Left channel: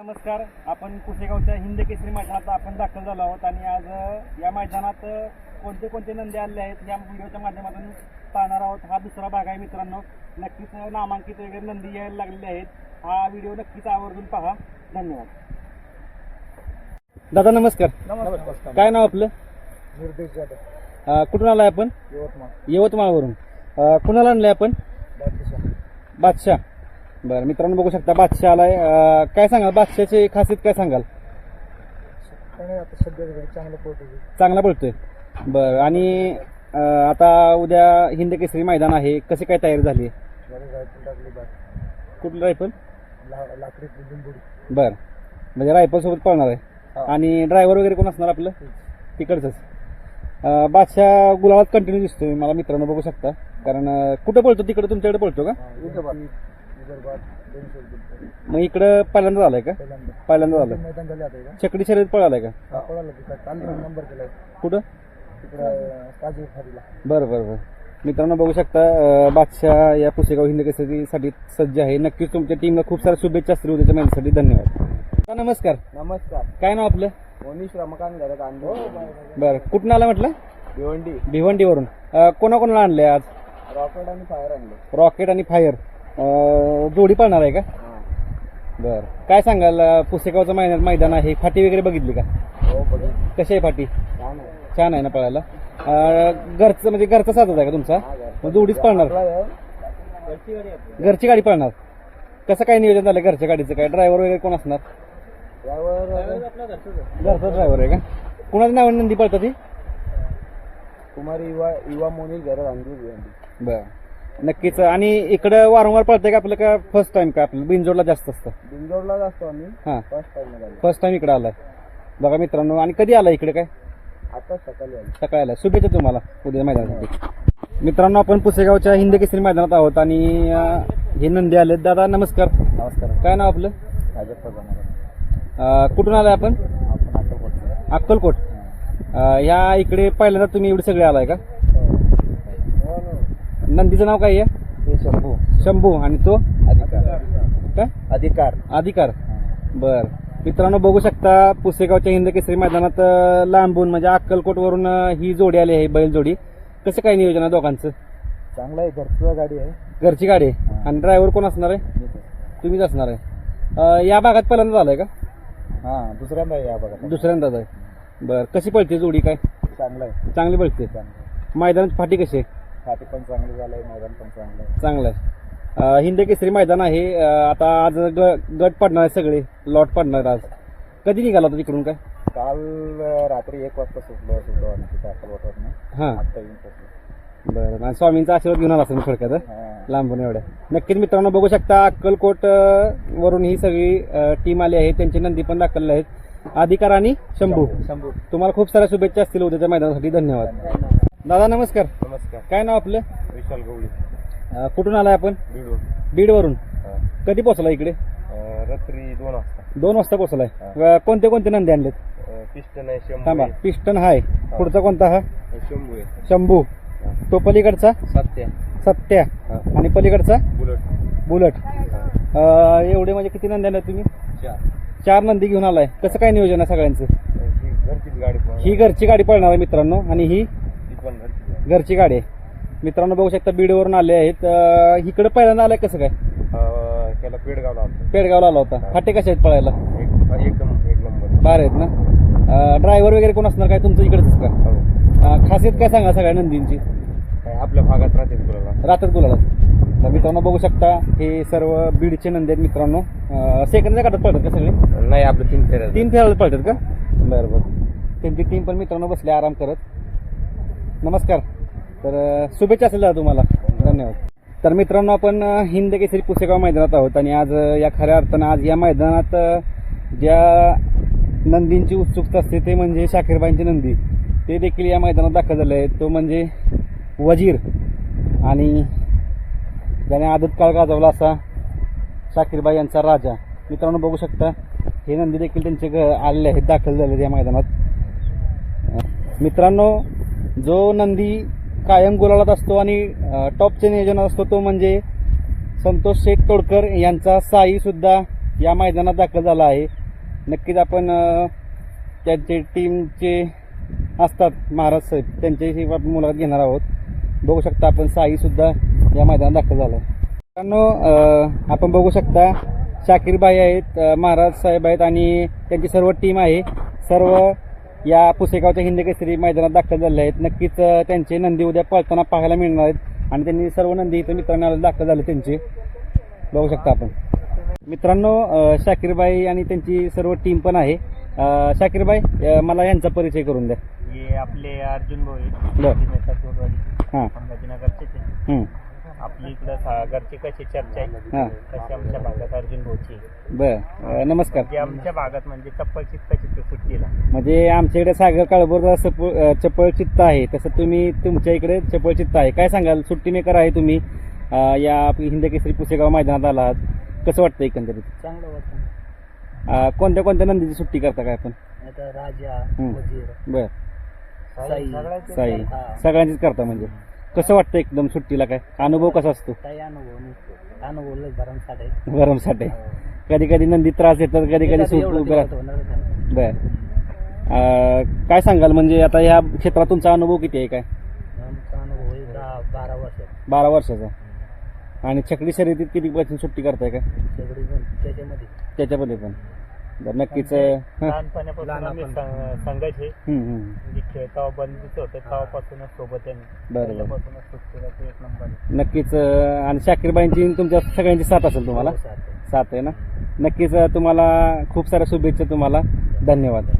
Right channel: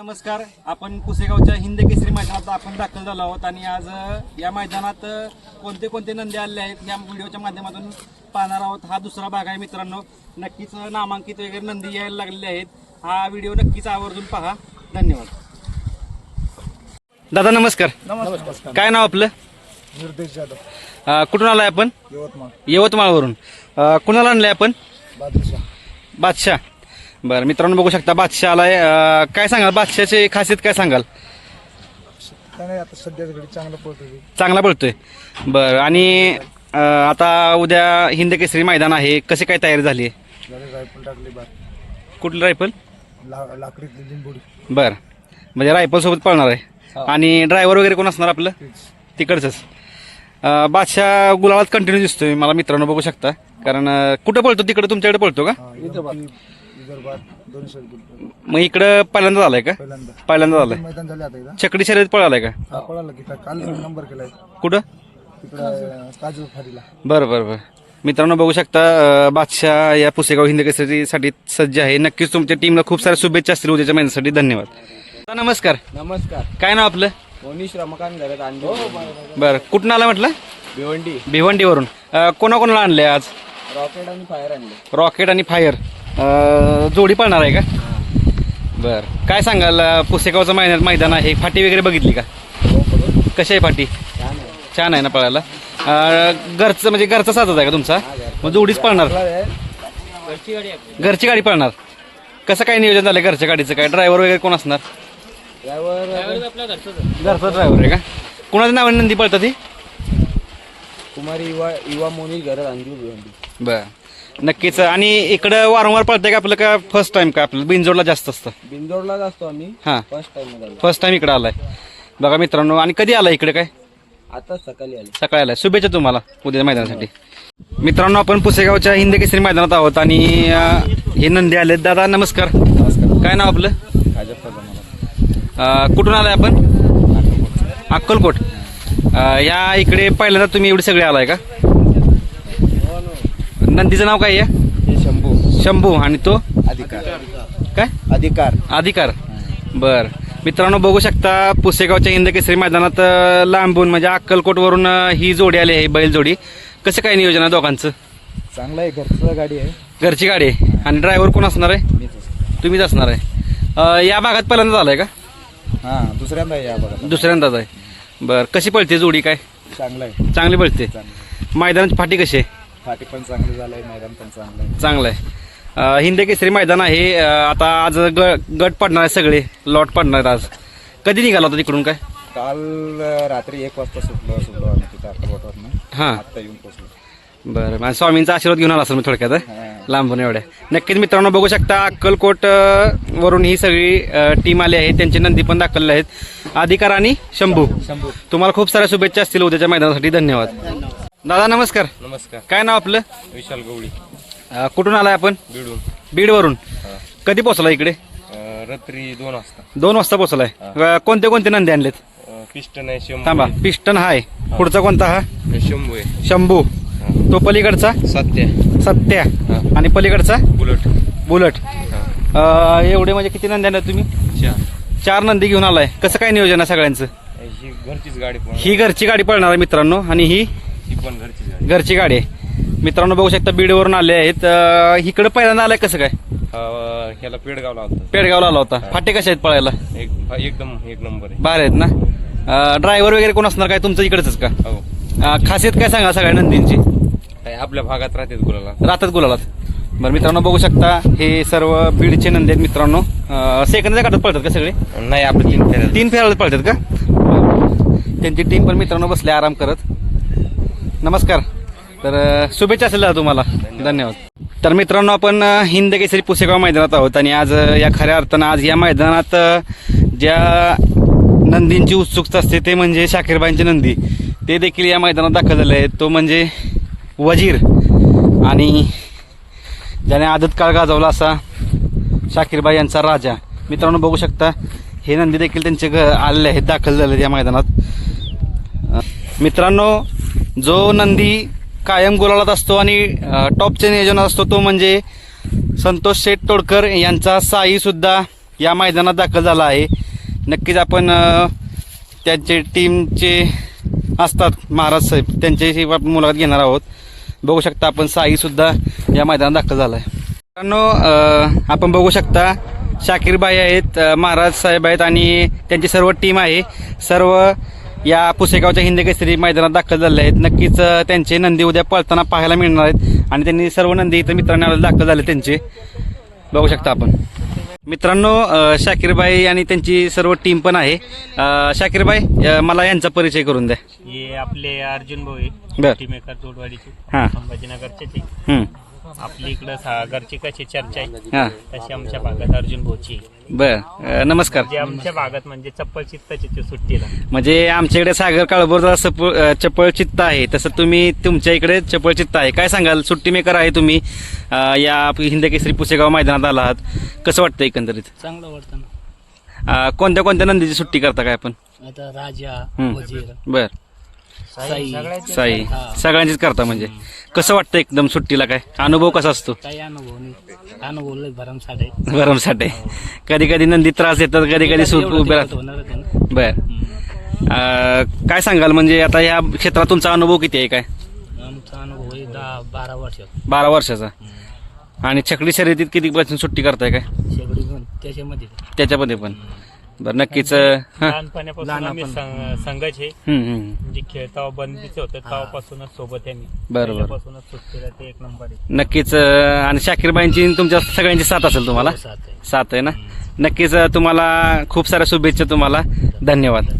नमस्कार. आपण पुसेगावच्या हिंद केसरी मैदानात आपण दाखल झालो आहोत आणि आज या मैदानात कोणते कोणते नंदी आले आहेत या व्हिडिओच्या माध्यमातून पाहणार आहोत. हा दुसरा भाग आहे मित्रांनो. नक्कीच नामांकित वगैरे नंदी यायला लागलेले आहेत. हा व्हिडिओ नक्कीच आवर्जून पहा. धन्यवाद. दादा नमस्कार. नमस्कार. काय नाव आपलं? निर्देश जाधव, कुठून आलाय आपण? यवतमाळ. यवतमाळवरून. कुणाला आणलंय आपण? बादशाह. बादशाह. बरं मित्रांनो बघू शकता बादशाह आलाय. काय सांगाल बादशाहची खासियत काय सांगाल? त्याने आता सध्याच घडी चांगलं पळतो. चांगला पळतोय. बरं आणि आता उद्या हिंद केसरी मैदान आहे. कशी काय तयारी झाली आहे? रायफल टाकली बार, कुठलं रायफल? लाकडीतली लिंबोडी. बरं म्हणजे रायफल सोबत पळणार आहे. आणि ड्रायव्हर वगैरे कोण असणार आपलं? तिकडचंच. बादशाह गुलाबात कंटिन्यू दिसतोय मला मित्रांनो बघू शकता. कारण कुठं पळतो? तिकडे तुमच्याकडे पळतो का? विदर्भात 200 किलो. मग इकडं पहिल्यांदा झालाय का? पहिल्यांदा झालाय. मैदान झाले आता इथं. चकडी शर्यत पळालाय का? पळाला की काल नंबर केलाय कुठं? तिकडं काजू फाडीला. बरं बरं बरं. मित्रांनो बघू शकता बादशाह या पुसेगाव हिंद केसरीसाठी सज्ज आहे. नक्कीच तुमच्या टीमला खूप साऱ्या शुभेच्छा असतील उद्याच्या महिन्यासाठी. धन्यवाद. नमस्कार. नमस्कार. काय नाव आपलं? मोनीश रमाकांत घरात. बरं कुठून आला म्हटलं? भिवंडी. भिवंडीवरून. कोणाकोणाला आणले आज? रॉकेट आणि फायर आणले. रॉकेट आणि फायर जोडी पळणार आहे का? बरं काय सांगाल पुसेगावचं मैदान आहे. फाटी वगैरे बघितली का? कशी आहे फाटी? छान आहे ना पळायला. घरचं म्हणजे घरचा साधत आहे का तुमचा? मग जोडीच पळणार? घरची गाडी पळणार. कसं काय नियोजन झालं घरच्या गाडीचं? काय ड्रायव्हर वगैरे कोण असणार? घरचा ड्रायव्हर आहे का? कुणाच्या नावाने नंदी पळतात ती? कुमारी युवा मोनीश घरात आणली. बरं नक्कीच. आणि इकडं वारंवार पळतंय का आपलं का फर्स्ट टाइम का आपलं बिनजोडला जास्त असतं? बिंदोडलाच असतो आम्ही. हां फर्स्ट फर्स्ट टाइम इकडं आलाय बघा मित्रांनो. आणि कधी आला इकडे? काय आता सकाळी आले. सकाळी आलाय. शुभेच्छा तुम्हाला उद्या मैदानासाठी. मित्रांनो आपण पुसेगावच्या हिंद केसरी मैदानात आहोत आणि हे नंदी आलेत. दादा नमस्कार. नमस्कार. काय नाव आपलं? कुठून आलाय आपण? अक्कलकोट. या इकडे पहिल्यांदा तुम्ही एवढे सगळे आलाय का? नंदीचं नाव काय आहे? शंभू. शंभू. आणि तो अधिकार. काय? अधिकार. अधिकार. बर मित्रांनो बघू शकता पुसेगावच्या हिंद केसरी मैदानात लांबून म्हणजे अक्कलकोट वरून ही जोडी आली आहे. बैल जोडी. कसं काय नियोजन आहे दोघांचं? चांगलं आहे. घरचं गाडी आहे. घरची गाडी आहे. आणि ड्रायव्हर कोण असणार आहे? तुम्हीच असणार आहे. या भागात पहिल्यांदा झालाय का? हा दुसऱ्यांदा या बघा. दुसऱ्यांदाच आहे. बर कशी पळते जोडी? काय चांगलं आहे. चांगली पळते. मैदानाची फाटी कशी आहे? फाटी पण चांगली झालंय. मैदान पण चांगलं आहे. चांगलं आहे. हिंद केसरी मैदान आहे. आता आज गट पडणार आहे. सगळे लॉट पडणार आज. कधी निघाला होता तिकडून? काय काल रात्री 1 वाजता सुटलो आम्ही तिथं अक्कलकोटवरनं. हां आता येऊन पोहोचलो. बरं. आणि स्वामींचा आशीर्वाद घेऊन आला असेल मी थोडक्यात लांबून एवढ्या. नक्कीच मित्रांनो बघू शकता अक्कलकोट वरून ही सगळी टीम आली आहे. त्यांचे नंदी पण दाखवले आहेत. अधिकार आणि शंभू. तुम्हाला खूप साऱ्या शुभेच्छा असतील उद्याच्या मैदानासाठी. धन्यवाद. दादा नमस्कार. नमस्कार. काय नाव आपलं? विशाल गवळी. कुठून आलाय आपण? बिडून. बीडवरून. कधी पोहोचला इकडे? रात्री 2 वाजता. 2 वाजता पोहोचलाय. कोणते कोणते नंदी आणलेत? पिस्टन आहे. शंभू. थांबा. पिस्टन हाय. पुढचा कोणता? हा शंभू आहे. शंभू. तो पलीकडचा सत्या. आणि पलीकडचा बुलट. एवढे म्हणजे किती नंदी आणले तुम्ही? 4 नंदी घेऊन आलाय. कसं काय नियोजन आहे सगळ्यांचं? घरचीच गाडी. ही घरची गाडी पळणार आहे मित्रांनो. आणि ही पण घरची गाडी आहे. मित्रांनो बघू शकता बीडवरून आले आहेत. इकडे पहिल्यांदा आलाय. कसं काय? ह्याला पेडगावला होता. पेडगावला आला होता. फाटे कशा आहेत पळायला? एकदम एक नंबर आहे. बाहेर आहेत ना? ड्रायव्हर वगैरे कोण असणार? काय तुमचं इकडेच का? हो. खासियत काय सांगा सगळ्या नंदींची? काय आपल्या भागात राहतात गुलालात. बरं मित्रांनो बघू शकता हे सर्व बीडचे नंदी आहेत मित्रांनो. सेकंदच्या काढत पळतात का सगळे? नाही आपले 3 फेऱ्याला पळतात का? त्यांची टीम पण मित्रांनो बसले आराम करत. नमस्कार. तर शुभेच्छा असेल तुम्हाला. धन्यवाद. तर मित्रांनो आपण हिंद केसरी पुसेगाव मैदानात आहोत आणि आज या खऱ्या अर्थानं आज या मैदानात ज्या नंदींची उत्सुकता असते ते म्हणजे शाकीरबाईंचे नंदी. ते देखील या मैदानात दाखल झाले आहेत. तो म्हणजे वजीर आणि ज्याने आदत काळ गाजवला असा शाकीरबाई यांचा राजा. मित्रांनो बघू शकता हे नंदी देखील त्यांचे आलेले आहेत, दाखल झाले आहेत या मैदानात. मित्रांनो जो नंदी कायम गुलालात असतो आणि टॉपचे नियोजनात असतो तो म्हणजे संतोष शेठ तोडकर यांचा साई सुद्धा या मैदानात दाखल झाला आहे. नक्कीच आपण त्यांचे टीमचे असतात महाराज साहेब, त्यांच्याशी आपण मुलाखत घेणार आहोत. बघू शकता आपण साईसुद्धा या मैदानात दाखल झाला आहे. मित्रांनो, आपण बघू शकता शाकीरबाई आहेत, महाराज साहेब आहेत आणि त्यांची सर्व टीम आहे. सर्व या पुसेगावच्या हिंद केसरी मैदानात दाखल झाले आहेत. नक्कीच त्यांचे नंदी उद्या पळताना पाहायला मिळणार आहेत आणि त्यांनी सर्व नंदी इथं मित्रांना दाखल झाले त्यांचे. बघू शकता आपण. मित्रांनो, शाकीरबाई आणि त्यांची सर्व टीम पण आहे. शाकीरबाई, मला यांचा परिचय करून द्या. हे आपले अर्जुन भाऊ बर. आहे, टीमेकर जोडवाडीचे, हां. संभाजीनगरचे. हं. आपली इकडं सागरची कशी चर्चा आहे हां. तशी आमच्या भागात अर्जुन भाऊची आहे. बर. नमस्कार. जे आमच्या भागात म्हणजे चप्पल चित्ताची सुट्टीला म्हणजे आमच्याकडे सागर काळभोर चपळ चित्त आहे, तसं तुम्ही तुमच्या इकडे चपळ चित्त आहे. काय सांगाल, सुट्टी मेकर आहे तुम्ही, या हिंद केसरी पुसेगाव मैदानात आला आहात, कसं वाटतं एकंदरीत? चांगलं वाटतं ना. कोणत्या कोणत्या नंदीची सुट्टी करता काय आपण? आता राजा, हं. वजीर, बर. साई, साई सगळ्यांचीच करता. म्हणजे कसं वाटतं एकदम सुट्टीला, काय अनुभव कसा असतो? काही अनुभव लय भरमसाठ आहे. भरमसाठ आहे. कधी कधी नंदी त्रास देतात, कधी कधी सूट उभे राहतात. होणारच आहे ना. बर. काय सांगाल, म्हणजे आता या क्षेत्रात तुमचा अनुभव किती आहे? काय आमचा अनुभव आहे 10-12 वर्ष. 12 वर्षाचा. आणि छकडी शर्यतीत किती सुट्टी करताय काय शेगडी पण त्याच्यामध्ये. त्याच्यामध्ये पण? बरं, नक्कीच. हां. लहानपणापासून आम्ही संघच आहे, म्हणजे खेळता बंदीचं होतं तेव्हापासूनच सोबत आहे. बरोबर. पहिल्यापासूनच सुट्टीला ते एक नंबर आहे. नक्कीच. आणि शाकीरबाईंची तुमच्या सगळ्यांची साथ असेल तुम्हाला? साथ आहे. साथ आहे ना. नक्कीच. तुम्हाला खूप साऱ्या शुभेच्छा. तुम्हाला धन्यवाद.